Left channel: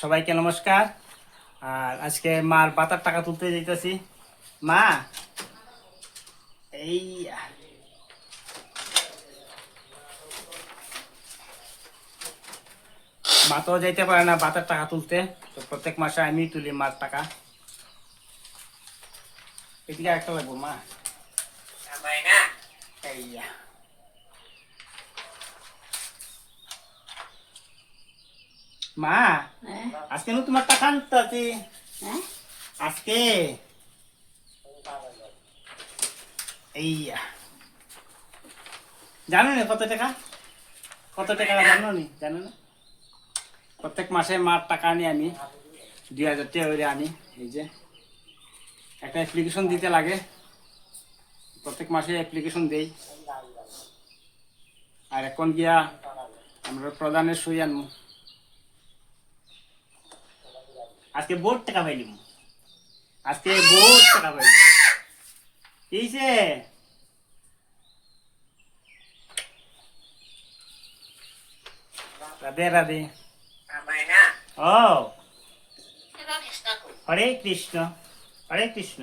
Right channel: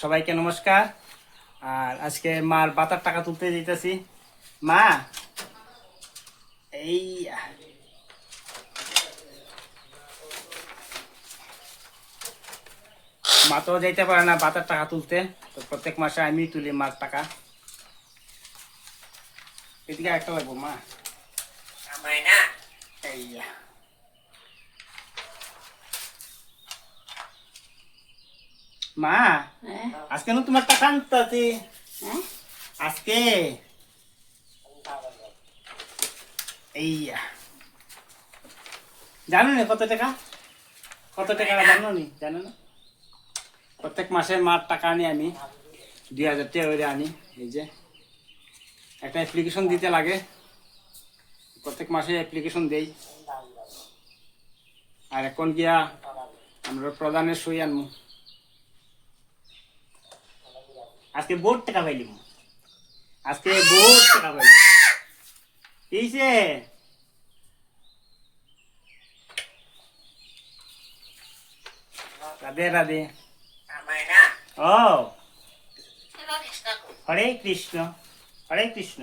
সবাইকে নমস্কার। আর আজকে মার বাতার টাকা তুলতে যেতেছি। মা, এই মা তো যাইতে পারে না বাতার টাকা তুলতে, তো প্রত্যেক মাসে আমি তুলি মার টাকা। এদিকে একটা লাগবো মা। এই মা, আজকে নু তোমার টাকা আনতে আজকে এই জানো না কত টাকা, জানো নি? জানো না? প্রত্যেক মাসে মার টাকা আনি আমি 2000 টাকা করে আনি। এই যে একটা অ্যাপ্লিকেশন দিতে লাগে, প্রত্যেক মাসে অ্যাপ্লিকেশন দেই। আর এখন গিয়া আমরা প্রধানের সই আনবো। আজকে বহুত টাকা পাইলিম, আজকে বহুত টাকা পাইলিম। কিছে রাধে রাধে। ও হরে কৃষ্ণ, হরে কৃষ্ণ।